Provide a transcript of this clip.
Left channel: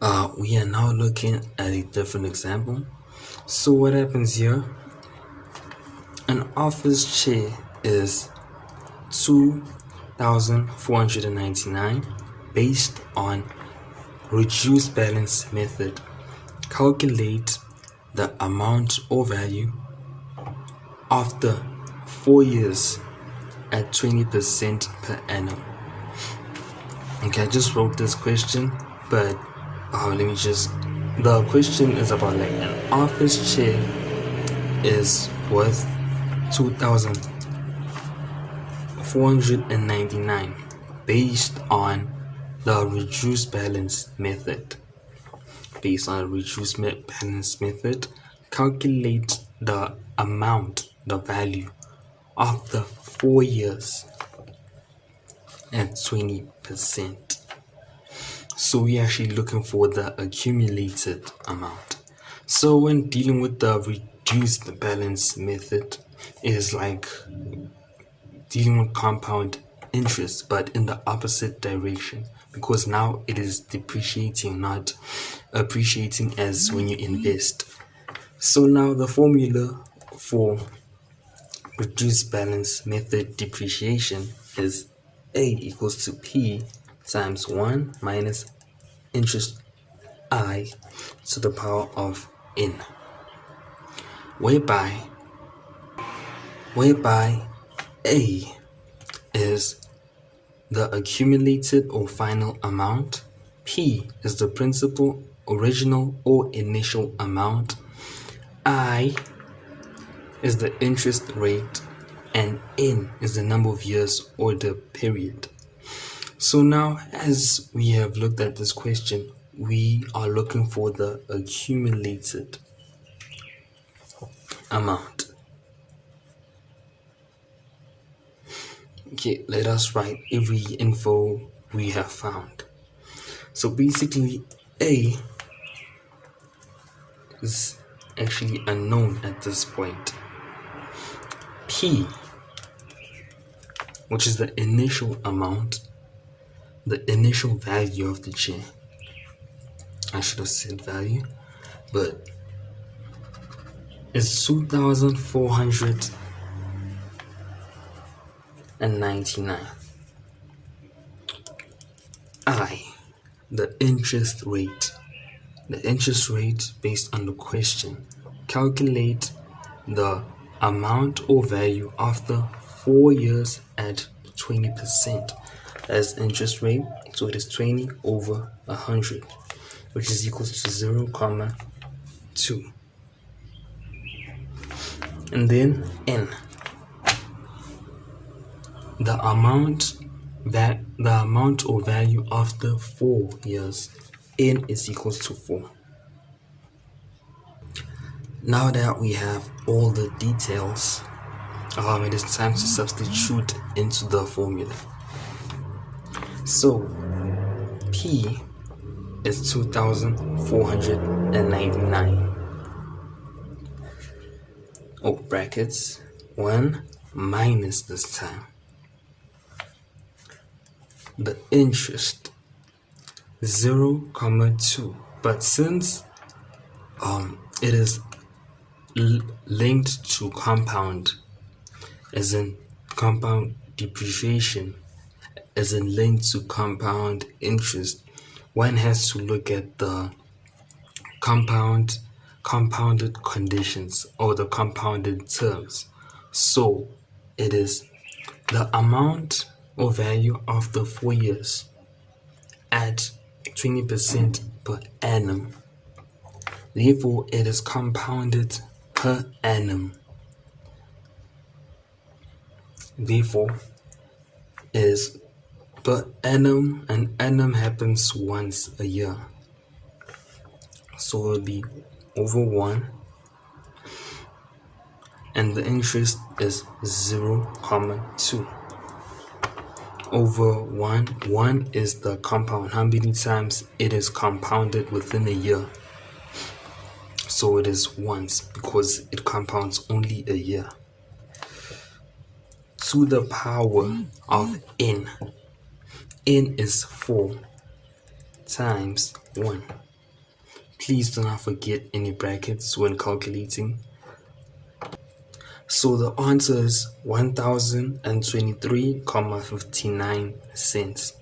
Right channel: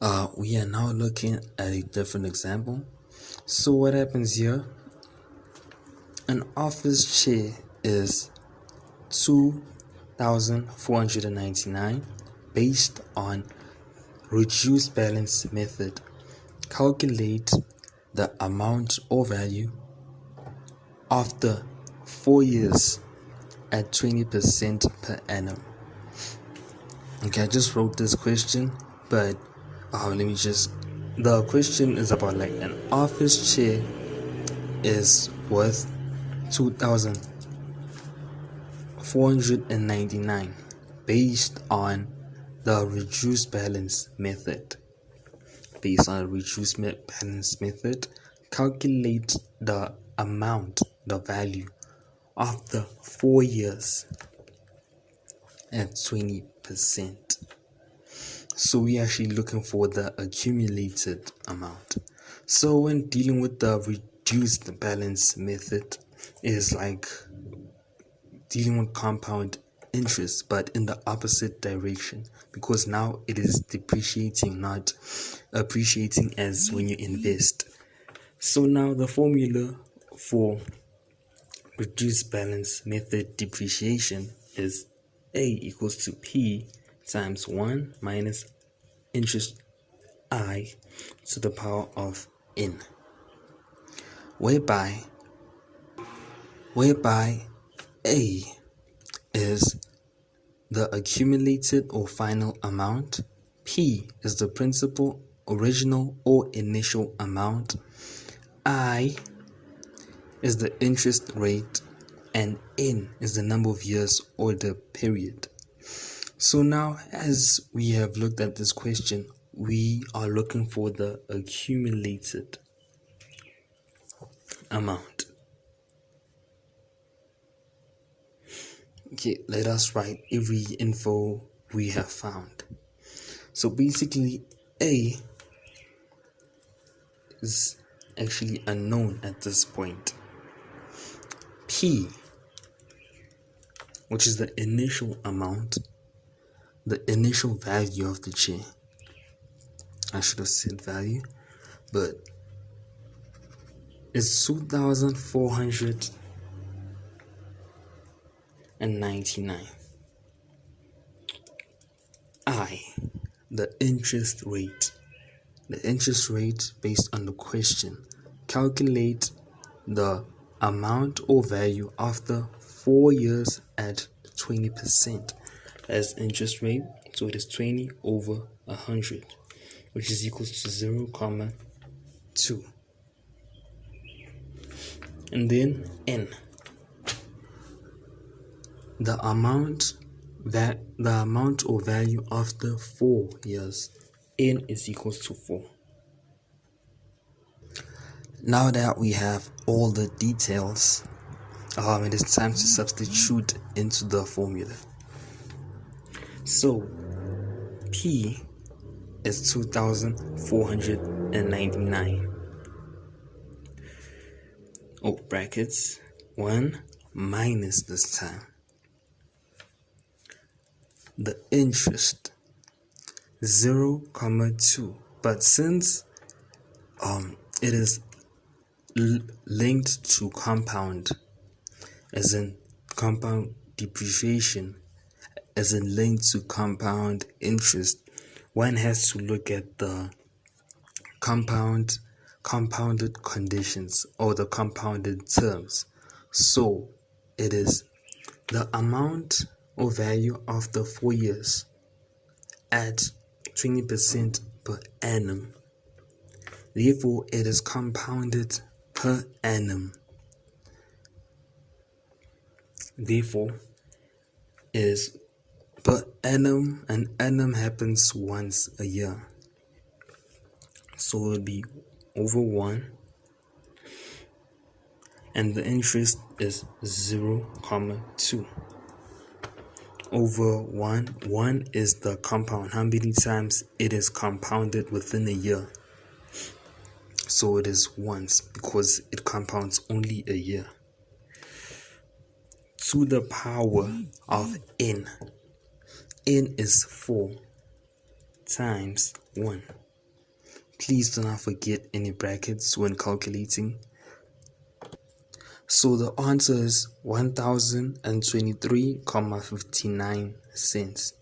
We are now looking at a different example. So what happens here? An office chair is 2,499 based on reduced balance method. Calculate the amount or value after 4 years at 20% per annum. Okay, I just wrote this question, but the question is about like an office chair is worth 2,499 based on the reduced balance method. Calculate the amount, the value after 4 years at 20%. So we're actually looking for the accumulated amount. So when dealing with the reduced balance method, it is like dealing with compound interest, but in the opposite direction, because now it is depreciating, not appreciating as when you invest. So now the formula for reduced balance method depreciation is A equals to P times 1 minus interest I to the power of N, whereby A is the accumulated or final amount, P is the principal, original or initial amount, I is the interest rate, and N is the number of years or the period. So now, as we have looked at this question, we are looking for the accumulated amount. Okay, let us write every info we have found. So basically, A is actually unknown at this point. P, which is the initial amount, the initial value of the chair. I should have said value, but it's 2,499. I, the interest rate. The interest rate based on the question. Calculate the amount or value after 4 years at 20%. That's interest rate, so it is 20 over 100, which is equals to 0,2. And then N, the amount or value after 4 years. N is equals to 4. Now that we have all the details, it is time to substitute into the formula. So P is 2,499. Brackets 1 minus this time the interest 0,2, but since it is linked to compound, as in compound depreciation, as in linked to compound interest, one has to look at the compounded conditions or the compounded terms. So it is the amount or value after 4 years at 20% per annum. Therefore, it is compounded per annum. Therefore, is per annum, and annum happens once a year. So it will be over 1, and the interest is 0,2 over 1. 1 is the compound, how many times it is compounded within a year. So it is once because it compounds only a year. To the power of N. N is 4 times 1. Please do not forget any brackets when calculating. So the answer is 1023.59 cents.